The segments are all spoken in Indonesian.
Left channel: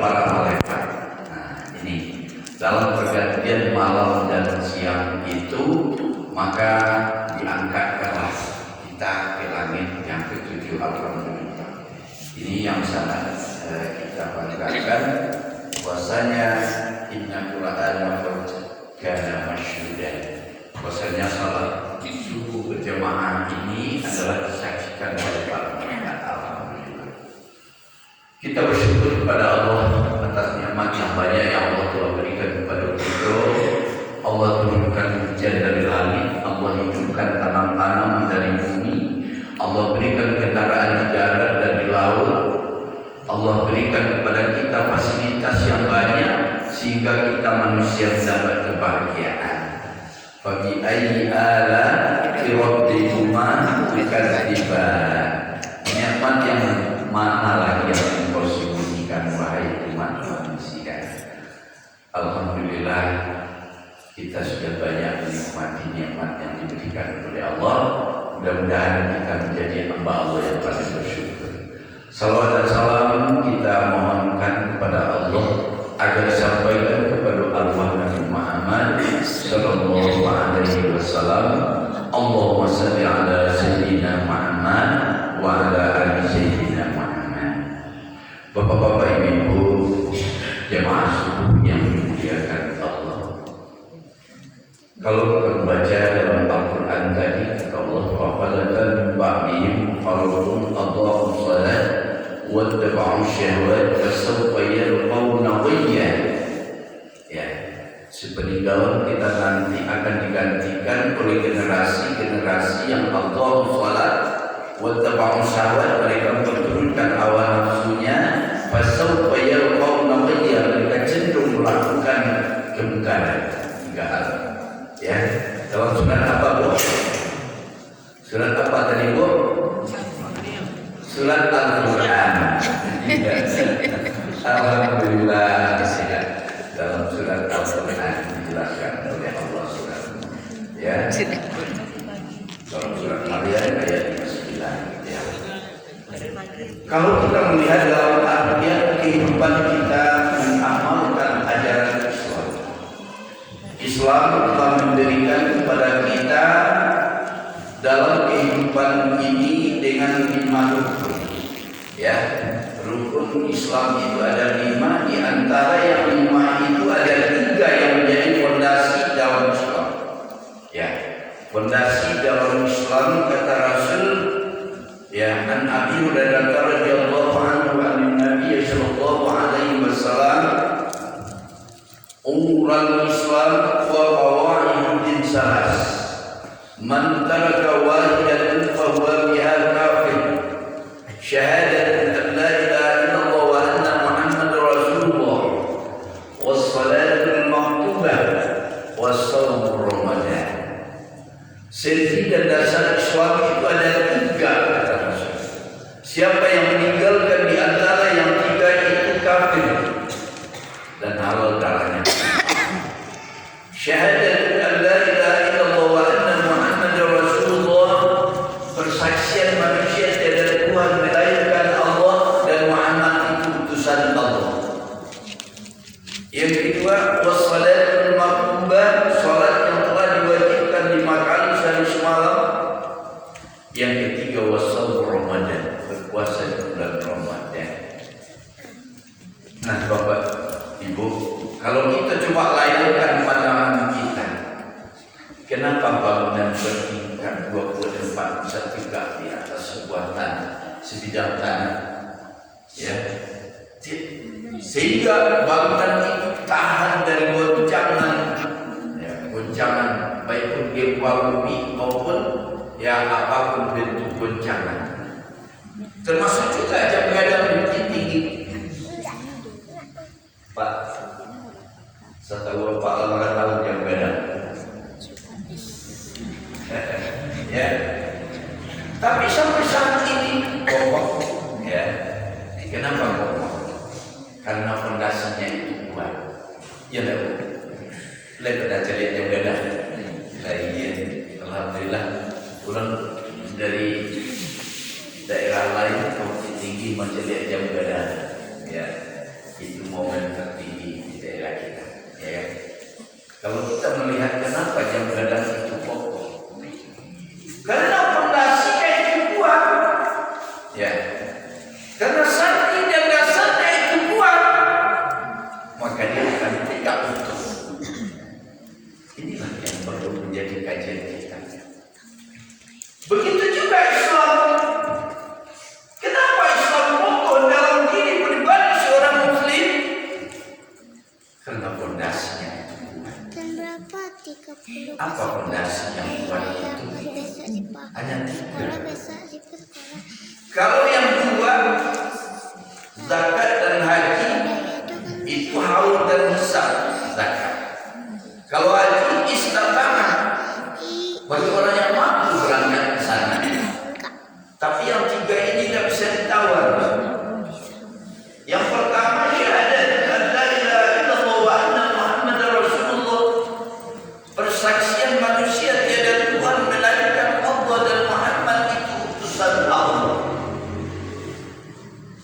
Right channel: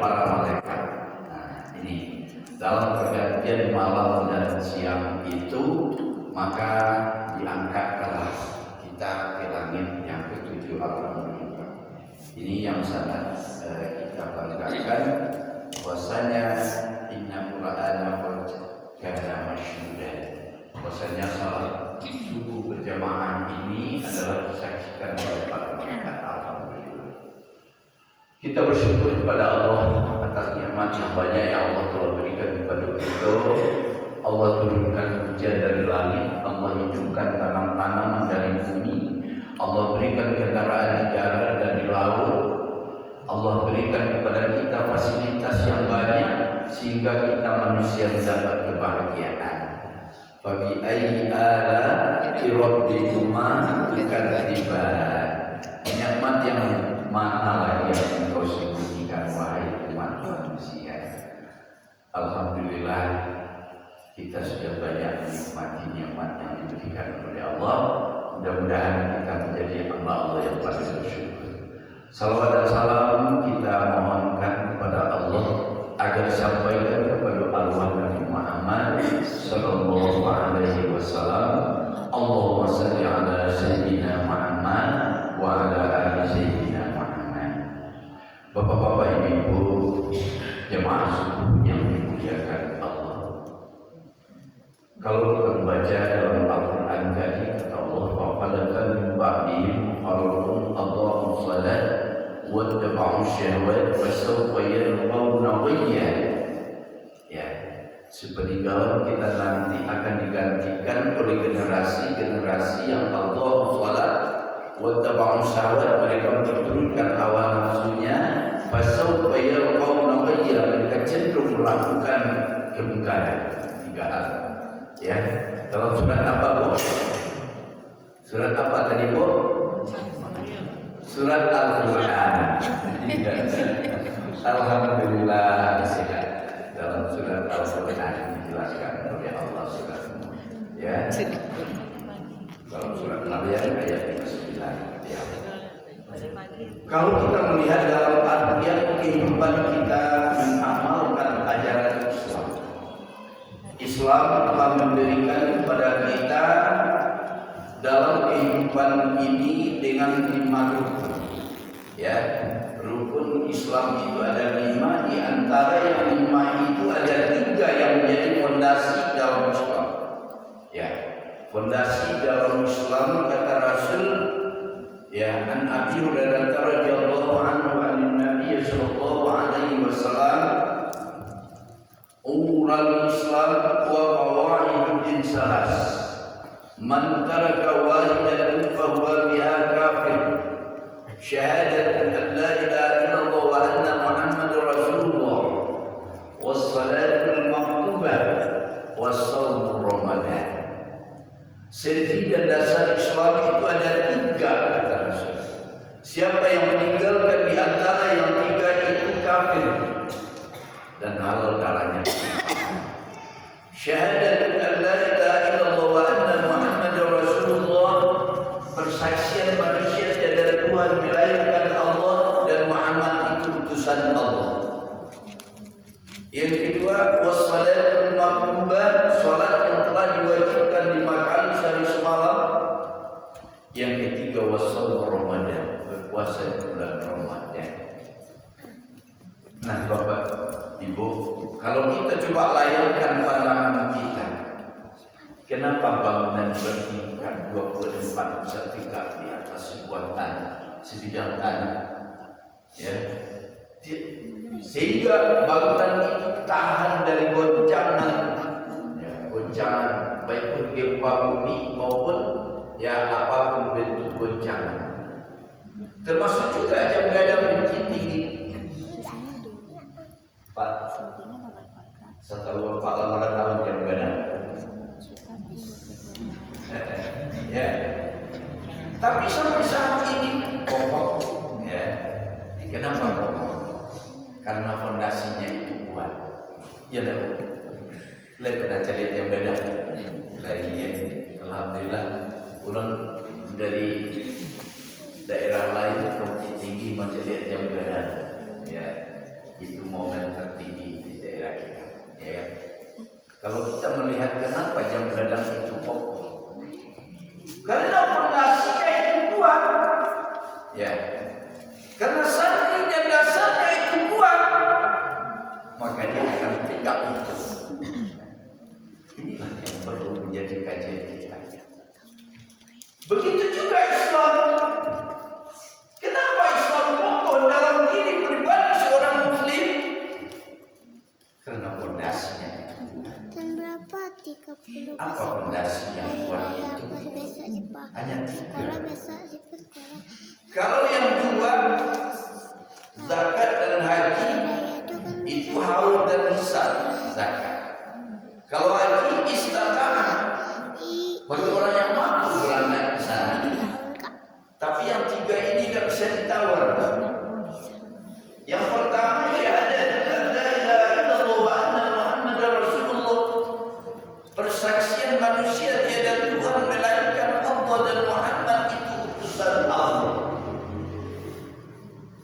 para malaikat. Nah, ini dalam pergantian malam dan siang itu, maka diangkatkanlah kita ke langit yang ketujuh. Alhamdulillah. Ini yang sangat kita banggakan, bahwasanya inna Qur'ana kana masyhudan. Bahwasanya salat subuh berjamaah ini adalah disaksikan oleh para malaikat. Alhamdulillah. Kita bersyukur kepada Allah atas nikmat yang banyak yang Allah telah berikan kepada kita. Allah turunkan hujan dari langit, Allah hidupkan tanam-tanaman dari bumi, Allah berikan kendaraan di darat dan di laut, Allah berikan kepada kita fasilitas yang banyak sehingga kita manusia mendapat kebahagiaan. Fabi ayyi ala'i rabbikuma tukadziban. Nikmat yang mana lagi yang engkau sembunyikan wahai umat manusia? Alhamdulillah, kita sudah banyak menikmati nikmat yang diberikan oleh Allah. Mudah-mudahan kita menjadi hamba Allah yang paling bersyukur. Salawat dan salam kita mohonkan kepada Allah agar disampaikan kepada arwah Nabi Muhammad sallallahu alaihi wasallam. Allahumma shalli ala sayyidina Muhammad wa ala ali sayyidina Muhammad. Bapak-bapak, ibu-ibu, jemaah subuh yang dimuliakan Allah. Kalau kita membaca dalam Al-Quran tadi, kata Allah, "Fa'alatan ba'dihim khalqun adha'u shalat wa tabau syahwat fa sawfa yalqawna ghayya." Ya, sepeninggal kita nanti akan digantikan oleh generasi yang adha'u shalat wa tabau syahwat, mereka menurunkan hawa nafsunya, fa sawfa yalqawna ghayya, mereka cenderung melakukan kemungkaran. Tiga hal. Ya, dalam surat apa, Bu? Surat apa tadi, Bu? Surat Al-Quran. Alhamdulillah, ya. Dalam surat Al-Quran dijelaskan oleh Allah surat. Ya. Dalam surat Maryam ayat 9. Ya. Kalau kita melihat dalam artian kehidupan kita mengamalkan ajaran Islam telah memberikan kepada kita dalam kehidupan ini dengan 5 rukun. Ya, rukun Islam itu ada 5, di antara yang 5 itu ada 3 yang menjadi fondasi dalam Islam. Ya, fondasi dalam Islam kata Rasul, ya, an Abi Hurairah radhiyallahu anhu an Nabi sallallahu alaihi wasallam, umurul Islam wa qawaidud salas, man taraka wahidatan fa huwa biha kafir, syahadatu an la ilaha illallah wa anna muhammadar rasulullah, was salatul maktubah, was shaum ramadan. Senti dan dasar Islam itu ada 3 kata Rasul. Siapa yang meninggalkan di antara yang 3 itu kafir dan halal darahnya. Syahadat an la ilaha illallah wa anna muhammadar rasulullah, persaksian manusia tiada Tuhan melainkan Allah dan Muhammad itu utusan Allah. Yang kedua, wassalatul maktubah, salat yang telah diwajibkan 5 kali sehari semalam. Yang ketiga, wassaum ramadan, berpuasa di bulan Ramadan. Nah, Bapak, Ibu, kalau kita coba layangkan pandangan kita, kenapa bangunan bertingkat 24 bisa tegak di atas sebuah tanah, sebidang tanah? Ya, sehingga bangunan itu tahan dari goncangan, ya, goncangan baik gempa bumi maupun ya apapun bentuk goncangan. Termasuk juga jam begadang bukit tinggi. Pak, setelah Pak Lala tahu jam begadang. Ya. Tapi sampai saat ini kokoh, ya. Kenapa kokoh? Karena fondasinya itu kuat. Ya, lihat pada lihat jam begadang. Saya alhamdulillah pulang dari daerah lain ke Bukit Tinggi menjadi jam begadang. Ya. Itu momen tertinggi di daerah kita. Ya. Kalau kita melihat kenapa jam begadang itu kokoh, karena fondasinya itu kuat. Ya. Karena santri dan dasarnya itu kuat, maka dia akan tegak utuh. Inilah yang perlu menjadi kajian kita. Begitu juga Islam. Kenapa Islam kokoh dalam diri pribadi seorang Muslim? Karena fondasinya itu kuat. Apa fondasi yang kuat itu? Ada tiga. Kalau yang dua, zakat dan haji, itu haul dan hisab zakat. Kalau haji istata'ah, bagi orang yang mampu berangkat ke sana. Tapi yang tiga ini tidak bisa ditawar. Yang pertama syahadat la ilaha illallah wa anna Muhammadar Rasulullah. Persaksian manusia tiada Tuhan melainkan Allah dan Muhammad itu utusan Allah.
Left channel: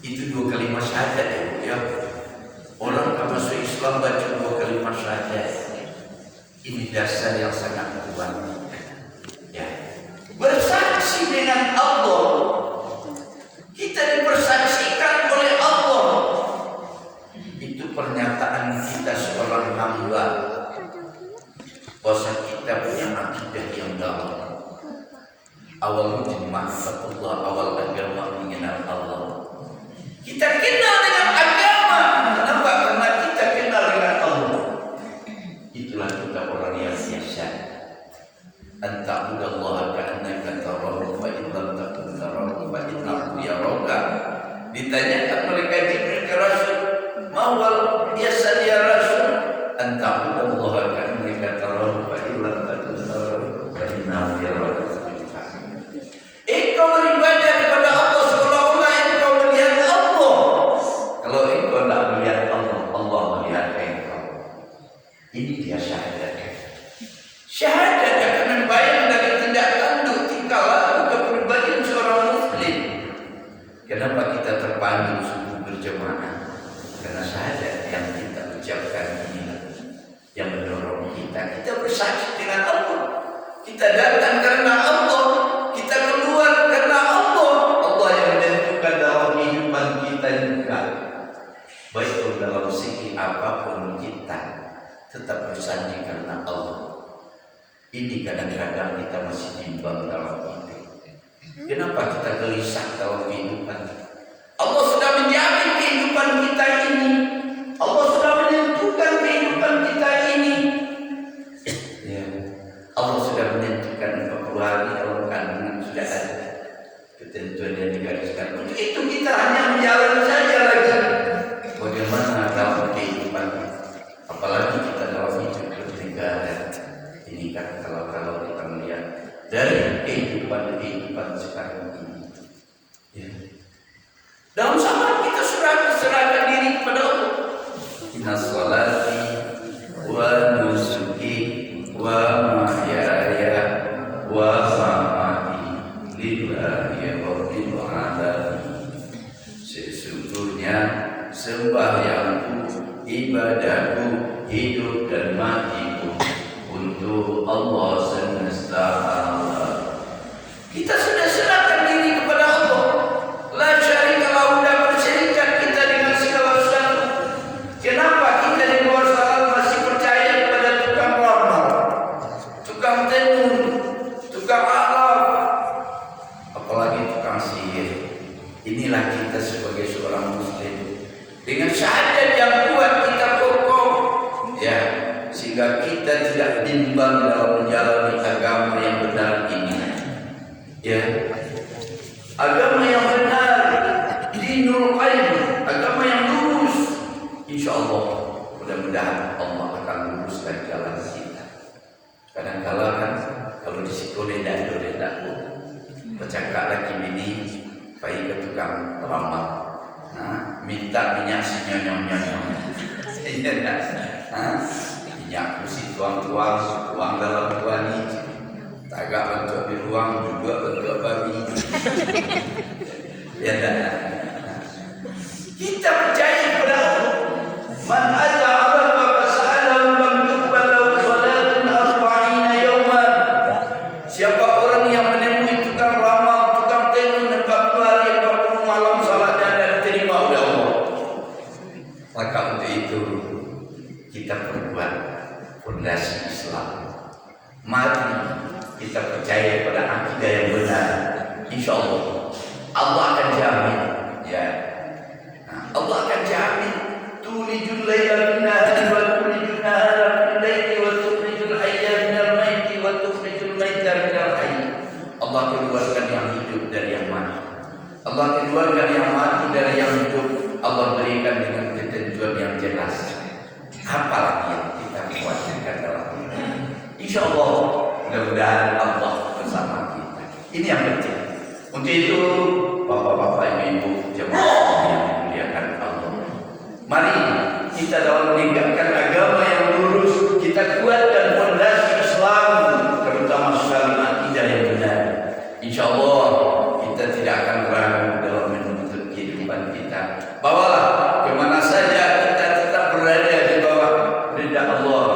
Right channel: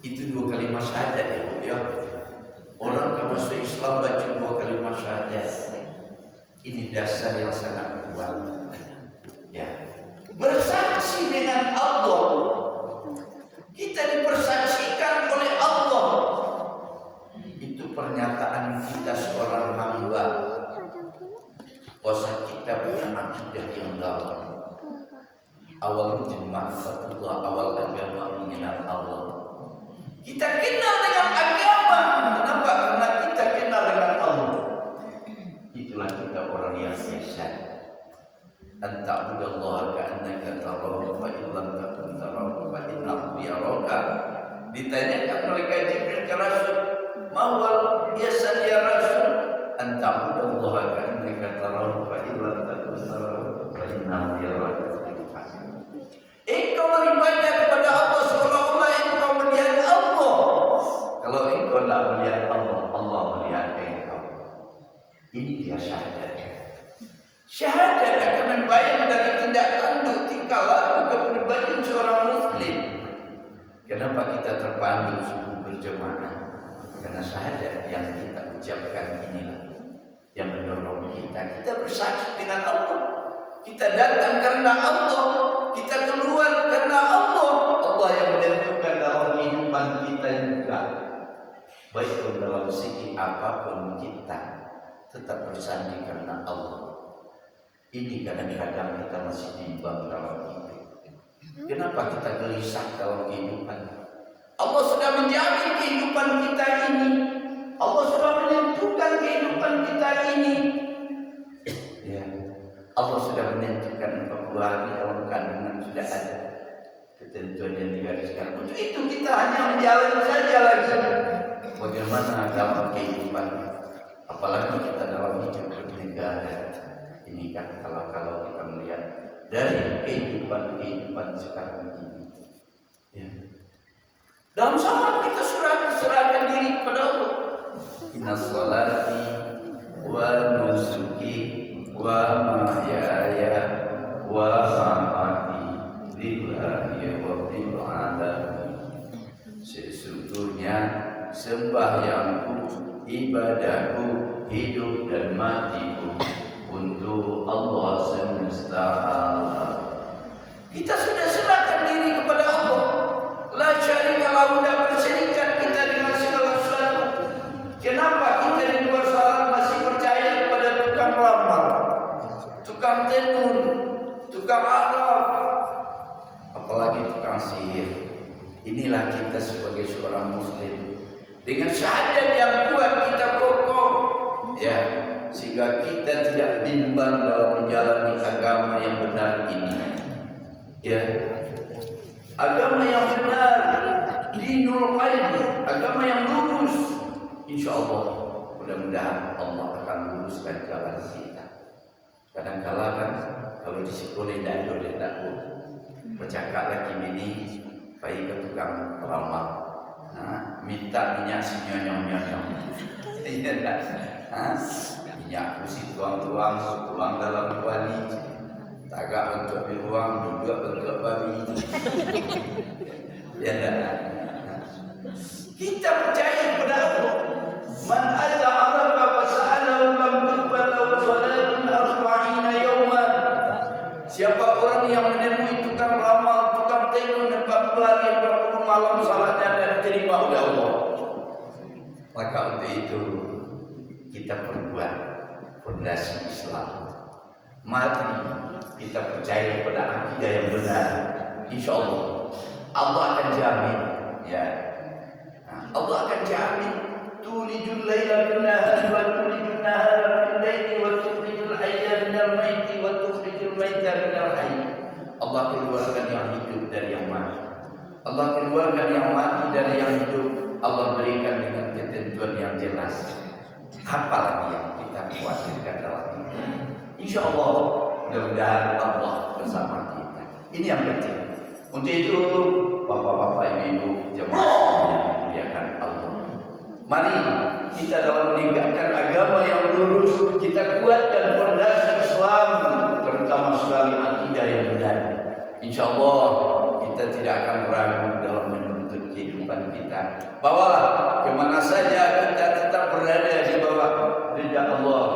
Itu dua kalimat syahadat ya. Orang kalau masuk Islam baca dua kalimat syahadat. Ini dasar yang sangat kuat. Ya. Bersaksi dengan Allah. Kita dipersaksikan oleh Allah. Itu pernyataan kita seorang hamba bahwa kita punya akidah yang dalam. Awal ma'rifatullah, awal agama mengenal Allah. Kita kenal dengan agama. Kenapa? Karena kita kenal dengan Allah. Itulah kita orang yang biasa. Anta'budallaha ka'annaka tarahu fa in lam takun tarahu fa innahu yaraka. Ditanyakan malaikat Jibril ke Rasul, "Mawal biasa ya Rasul?" Anta'budallaha ka'annaka tarahu fa in lam takun tarahu fa innahu yaraka. Engkau beribadah kepada Allah seolah-olah engkau melihat Allah. Kalau engkau tidak melihat Allah, Allah melihat engkau. Ini dia syahadat. Syahadat akan membayang dari tindak tanduk tingkah laku kepribadian seorang Muslim. Kenapa kita terpanggil subuh berjamaah? Karena syahadat yang kita ucapkan inilah yang mendorong kita. Kita bersaksi dengan Allah. Kita datang karena Allah. Kita keluar karena Allah. Allah yang menentukan dalam kehidupan kita juga. Baik dalam segi apapun kita tetap bersanding karena Allah. Ini kadang-kadang kita masih bimbang dalam hidup. Kenapa kita gelisah dalam kehidupan? Allah sudah menjamin kehidupan kita ini. Allah sudah menentukan kehidupan kita ini. Ya. Allah sudah menentukan 40 hari dalam kandungan sudah ada ketentuan yang digariskan. Untuk itu kita hanya menjalani saja lagi. Bagaimana dalam kehidupan? Apalagi kita dalam hidup bernegara. Ini kan kalau kita melihat dari kehidupan sekarang ini, ya. Dalam zaman kita serahkan diri kepada Allah. Inna sholati wa nusuki wa mahyaya wa mamati lillahi rabbil alamin. Sesungguhnya sembahyangku, ibadahku, hidup dan matiku untuk Allah semesta alam. Kita sudah serahkan diri kepada Allah. La syarika lahu, tidak berserikat kita dengan segala sesuatu. Kenapa kita di luar sana masih percaya kepada tukang ramal, tukang tenun, tukang alam, apalagi tukang sihir? Inilah kita sebagai seorang Muslim. Dengan syahadat yang kuat kita kokoh, ya. Sehingga kita tidak bimbang dalam menjalani agama yang benar ini. Ya, agama yang benar, dinul qayyim, agama yang lurus. Insya Allah, mudah-mudahan Allah akan luruskan jalan kita. Kadang-kala kan, kalau di sekolah tidak bercakap lagi ini, baik ke tukang ramal, minta minyak si nyonyong-nyonyong. Minyak mesti tuang dalam kuali, tagak bentuk beruang juga bentuk babi. Ya dah. Kita percaya kepada Allah. untuk itu kita perbuat fondasi Islam. Mari kita percaya pada akidah yang benar. Insya Allah akan jamin, ya. Allah akan jamin. Tulijul laila bin nahari wa tulijul nahara bil laili wa tukhrijul hayya minal maiti wa tukhrijul maita minal hayy. Allah keluarkan yang hidup dari yang mati. Allah keluarkan yang mati dari yang hidup. Allah berikan dengan ketentuan yang jelas. Apa lagi yang kita khawatirkan dalam ini? Insya Allah mudah-mudahan Allah bersama kita. Ini yang penting. Untuk itu, bapak-bapak, ibu-ibu, jemaah yang dimuliakan Allah, mari kita dalam meninggalkan agama yang lurus, kita kuatkan fondasi Islam, terutama sekali akidah yang benar. Insya Allah kita tidak akan ragu dalam menuntut kehidupan kita. Bawalah kemana saja kita tetap berada di bawah ridha Allah.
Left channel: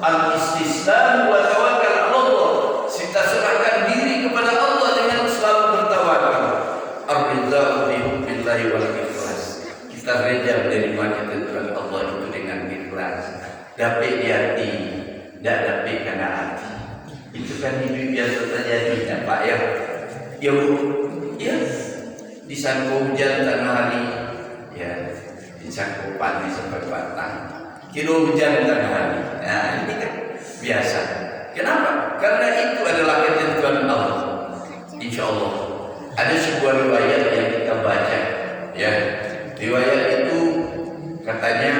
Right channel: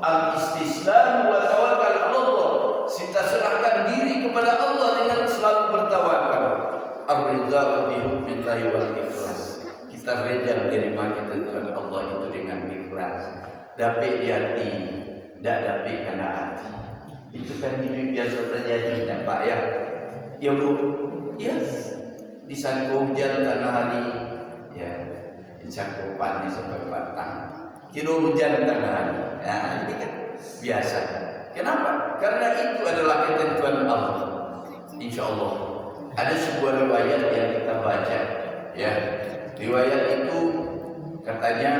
Al-istislam wa tawakkal Allah. Kita serahkan diri kepada Allah dengan selalu bertawakal. Ar-ridha bi hubbillahi wal ikhlas. Kita reda menerima ketentuan Allah itu dengan ikhlas. Dapat di hati, tidak dapat karena hati. Itu kan hidup biasa terjadi, Pak ya. Ya Bu, ya. Disangkut hujan tengah hari, ya. Disangkut panas sampai batang. Kilo hujan tengah hari. Nah, ini kan biasa. Kenapa? Karena itu adalah ketentuan Allah. Insya Allah. Ada sebuah riwayat yang kita baca, ya. Riwayat itu katanya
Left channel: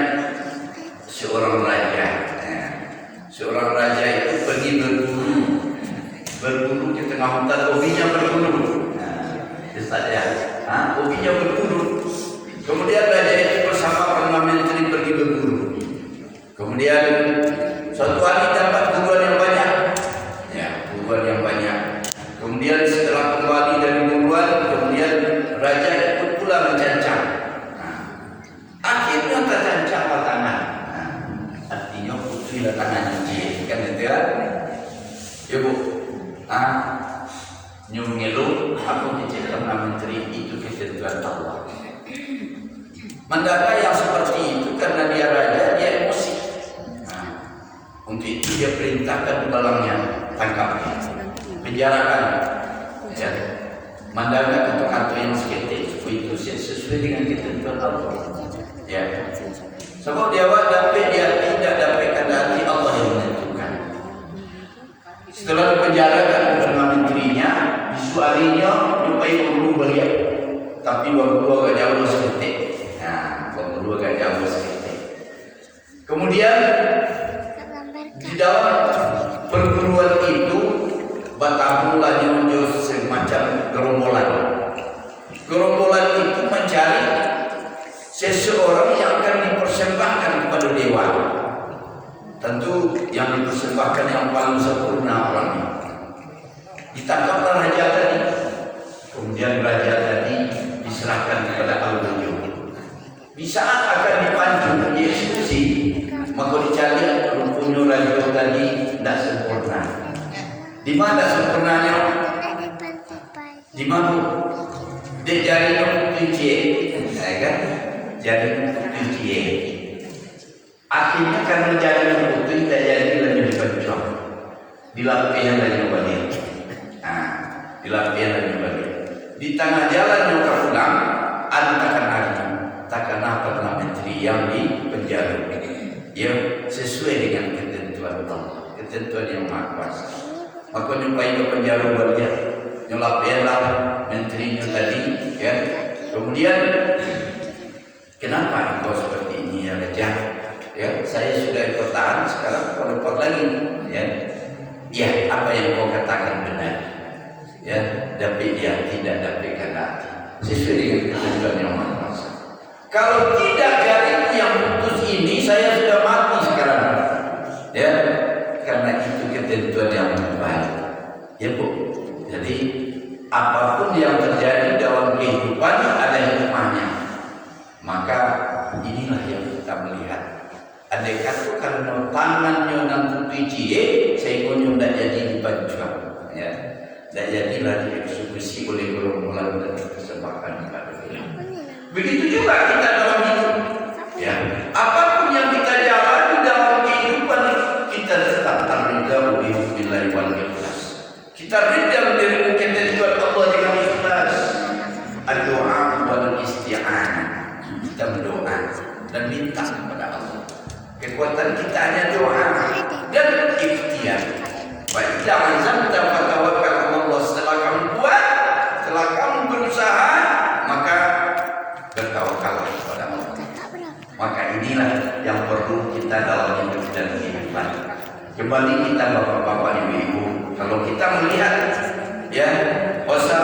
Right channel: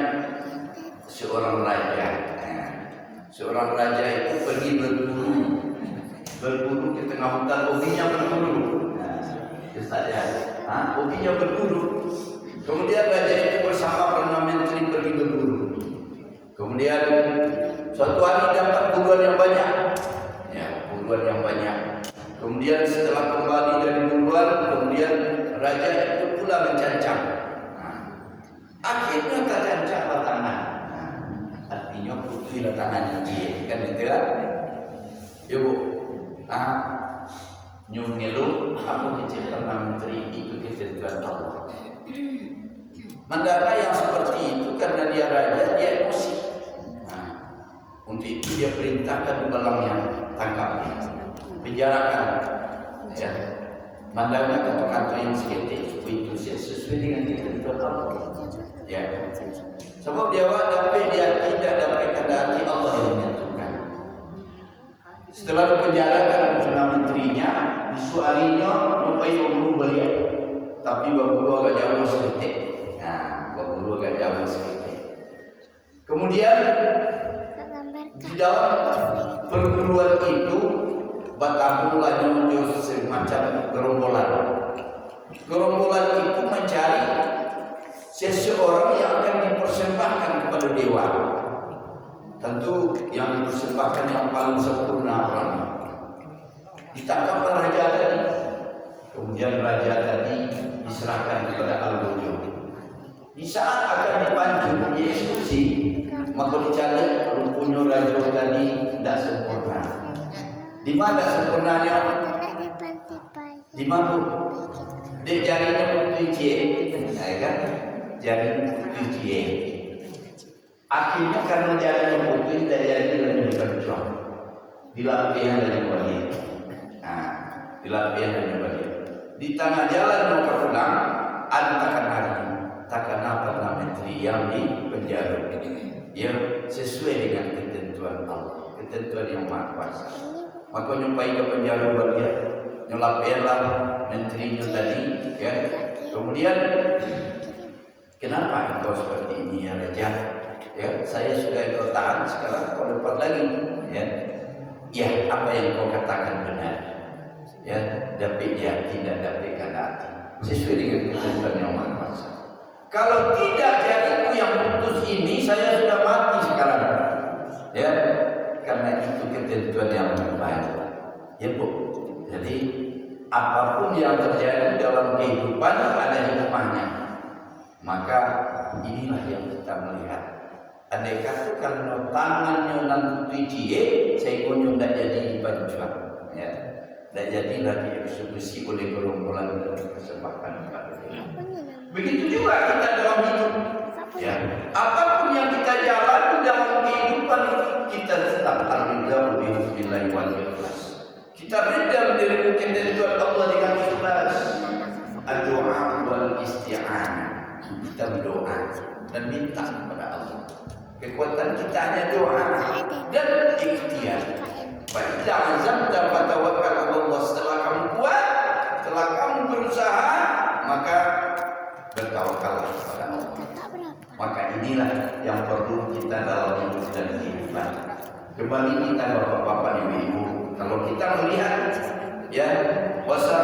seorang raja. Seorang raja itu pergi berburu ke tengah hutan, hobinya berburu. Ya, hobinya berburu. Kemudian raja itu bersama perdana menteri pergi berburu. Kemudian suatu hari dapat buruan yang banyak, ya, buruan yang banyak. Kemudian setelah kembali dari buruan, kemudian raja ikut pula mencancang. Akhirnya tercancang tangan. Artinya putuslah tangan ini, kan itu ya? Ya Bu, nyumilu aku dicek perdana menteri itu ketentuan Allah. Mandaka yang seperti itu karena dia raja, dia emosi. Untuk itu dia perintahkan tulangnya, tangkap, penjarakan, ya. Mandaka kata-kata yang seketik itu sesuai dengan ketentuan Allah. Ya. Sebab dia dapat dia tidak dapat kendali Allah yang menentukan. Setelah dipenjarakan perdana menterinya, besok harinya jumpai pembunuh beliau. Tapi waktu agak jauh seketik. Pembunuh agak jauh seketik. Kemudian di dalam perguruan itu bertampunglah nyonjo semacam gerombolan. Gerombolan itu mencari seseorang yang akan dipersembahkan kepada dewa. Tentu yang dipersembahkan yang paling sempurna orangnya. Ditangkaplah raja tadi. Kemudian raja tadi diserahkan kepada Al-Wujud. Di saat akan dipancung, dieksekusi, maka dicari rumputnya raja tadi tidak sempurna. Di mana sempurnanya? Di mana? Di jari kunci, kan? Jari kunci. Akhirnya karena jari kunci tidak jadi lagi dipencok. Dilapihkan lagi balik. Dilapihkan lagi balik. Di tengah jalan mereka pulang, ada takkan perdana menteri yang di penjara. Dia sesuai dengan ketentuan Allah, ketentuan yang maha kuasa. Maka nyupai ke penjara beliau, nyelapihlah menterinya tadi, ya. Kemudian, kenapa engkau seperti ini ya raja? Ya, saya sudah bertahan, sekarang kau dapat lagi, ya. Ya, apa yang kau katakan benar, ya. Dapat dia tidak dapat hati, sesuai dengan ketentuan yang maha kuasa. Kalau tidak jariku yang putus ini, saya sudah mati sekarang, ya. Karena itu ketentuan yang baik, ya Bu. Jadi apapun yang terjadi dalam kehidupan ada hikmahnya. Maka inilah yang kita melihat. Andai kata karena tangannya dan tutuci, seikonya tidak jadi dipancuan, ya. Tidak jadilah dieksekusi oleh gerombolan dan dipersembahkan kepada Tuhan. Begitu juga kita dalam hidup, ya. Apa dan minta kepada Allah. Kekuatan kita hanya doa dan ikhtiar. Baik, azamta fatawakkal 'ala Allah. Setelah kamu kuat, setelah kamu berusaha, maka bertawakallah kepada Allah. Maka inilah yang perlu kita dalam hidup dan kehidupan. Kembali kita bapak-bapak, ibu-ibu, kalau kita melihat ya, puasa